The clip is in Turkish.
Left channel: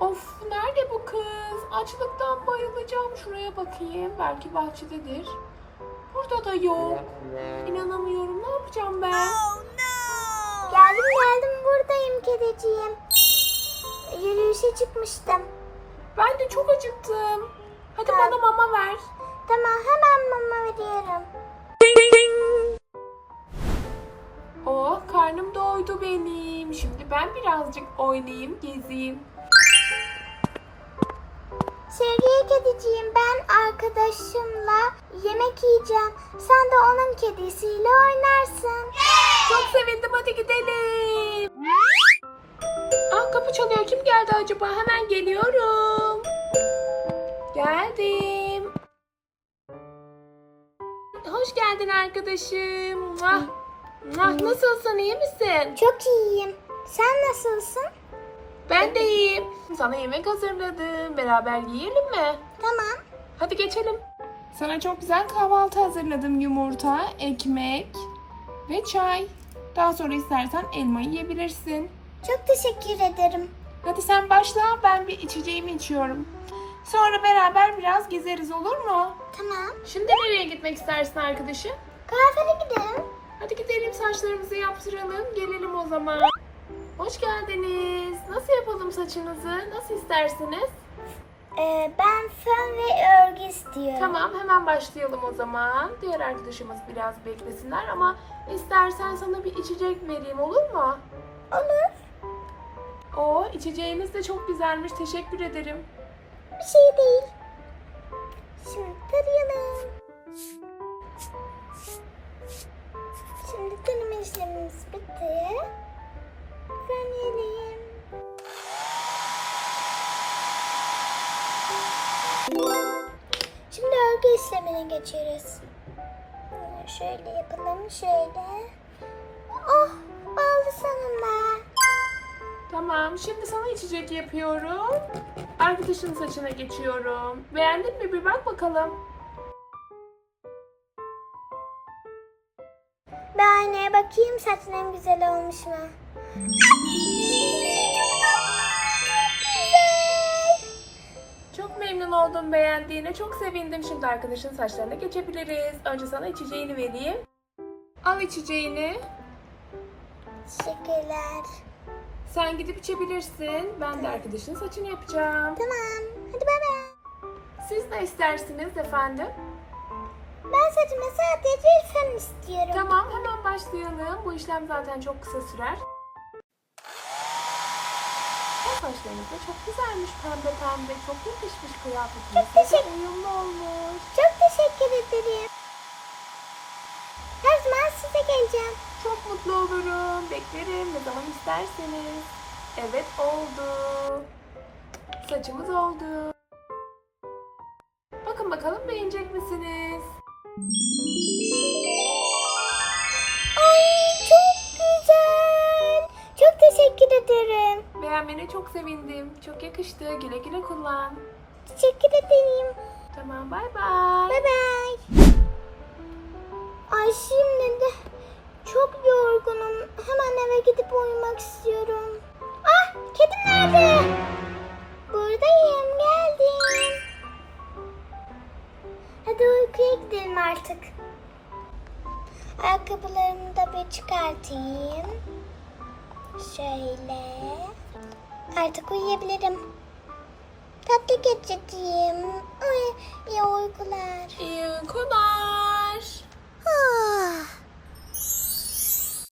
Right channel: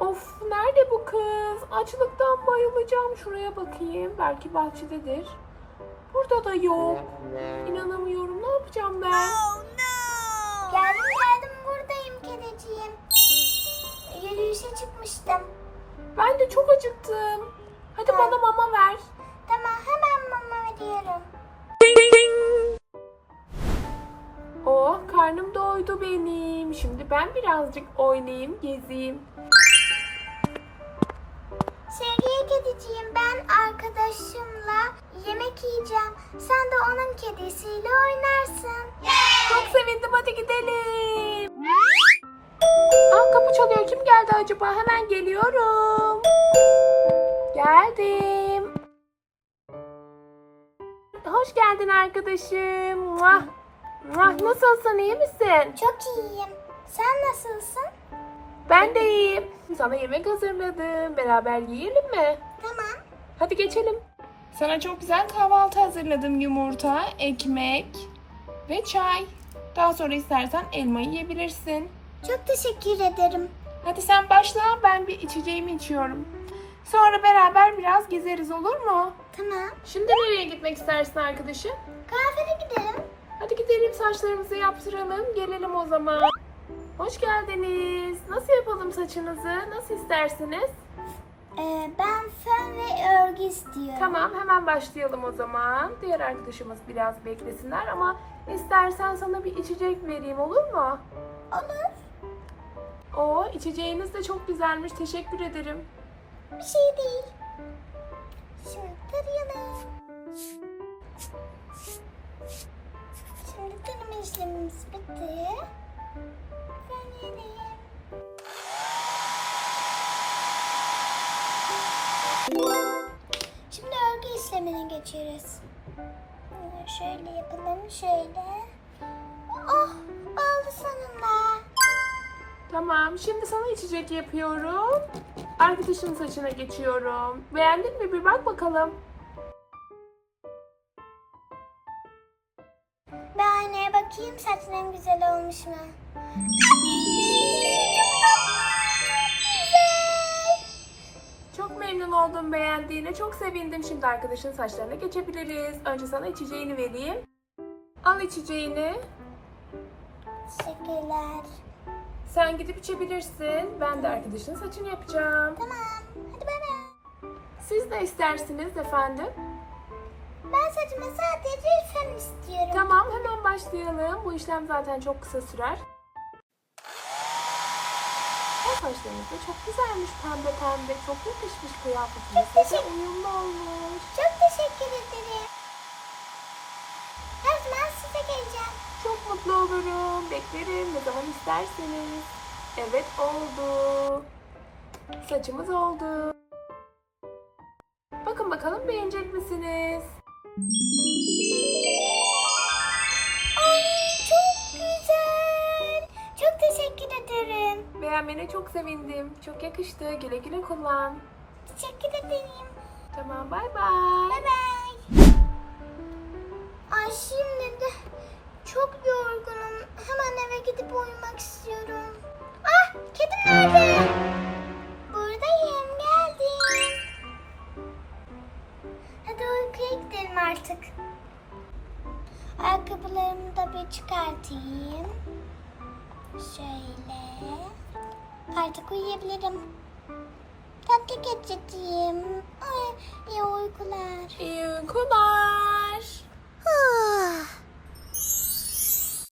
Of nerede bu kız? Açlıktan bayılacağım. Şuraya bakayım. Belki bahçededir. Burada da yok. İnanamıyorum. Ne yapacağım ben? Geldim geldim buradayım kediciğim. Yürüyüşe çıkmıştım. Ben de çok acıktım. Hadi bana mama ver. Tamam hemen mama veriyorum. Oh karnım doydu benim. Şimdi ben birazcık oynayayım, gezeyim. Kediciğim ben arkadaşımla yemek yiyeceğim. Sen de onun kedisiyle oynarsın. Çok sevindim hadi gidelim. Aa kapı çalıyor. Kim geldi acaba? Hemen geliyorum. Geldim. Hoş geldin arkadaşım. Muah. Muah. Nasılsın? iyi misin? Çok iyiyim. Sen nasılsın? Ben de iyiyim. Sana yemek hazırladım. Beraber yiyelim mi? Tamam. Hadi geçelim. Sana çok güzel kahvaltı hazırladım. Yumurta, ekmek ve çay. Daha sonra istersen elma yiyebilirsin. Çok teşekkür ederim. Hadi sen başla. Ben bir içeceğimi içiyorum. Sonra beraber biraz gezeriz olur mu? Tamam. Şimdi nereye gitmek istersin arkadaşım? Kuaföre gidelim. Hadi gidelim saçlarımızı yaptıralım. Gelelim o zaman. Hoş geldiniz. Nasıl yapalım saçınızı? Nasıl istersiniz? Ee, ben fön ve örgü istiyorum. Tamam hemen başlayalım o zaman. Diğer arkadaşımız biraz beklesinler ama istersen sana bir içecek vereyim olur mu? Olur. O içeceğiniz de çok güzelmiş. Teşekkür ederim. Bir şey değil. Şimdi tarayalım. İşlemine geçiyoruz. Bunu Şöyle yapalım, şöyle. Oh, oldu sonunda. Tamam şimdi sana içecek yapıyorum. Arkadaşın saçına geçiyorum. Beğendin mi? Bir bak bakalım. Bir aynaya bakayım saçlarım güzel olmuş mu? Beğendiğine. Çok sevindim. Şimdi arkadaşın saçlarına geçebiliriz. Önce sana içeceğini vereyim. Al içeceğini. Teşekkürler. Sen gidip içebilirsin. Ben de arkadaşın saçını yapacağım. Tamam. Hadi bay bay. Siz ne istersiniz efendim? Ben saçıma sadece fön istiyorum. Tamam hemen başlayalım. Bu işlem zaten çok kısa sürer. Saçlarınız da çok güzelmiş pembe pembe. Çok yakışmış kıyafetiniz. Çok teşekkür- uyumlu olmuş. Çok teşekkür ederim. Her zaman size geleceğim. Çok mutlu olurum. Beklerim ne zaman isterseniz. Evet oldu. Saçımız oldu. Bakın bakalım beğenecek misiniz? Beğenmene çok sevindim. Çok yakıştı. Güle güle kullan. Teşekkür ederim. Tamam bay bay. Bay bay. Ay şimdi de çok yorgunum. Hemen eve gidip uyumak istiyorum. Ah kedim nerede? Buradayım geldim. Hadi uykuya gidelim artık. Ayakkabılarımı da bir çıkartayım. Şöyle. Artık uyuyabilirim. Tatlı geçeceğim. Ay, iyi uykular. İyi uykular.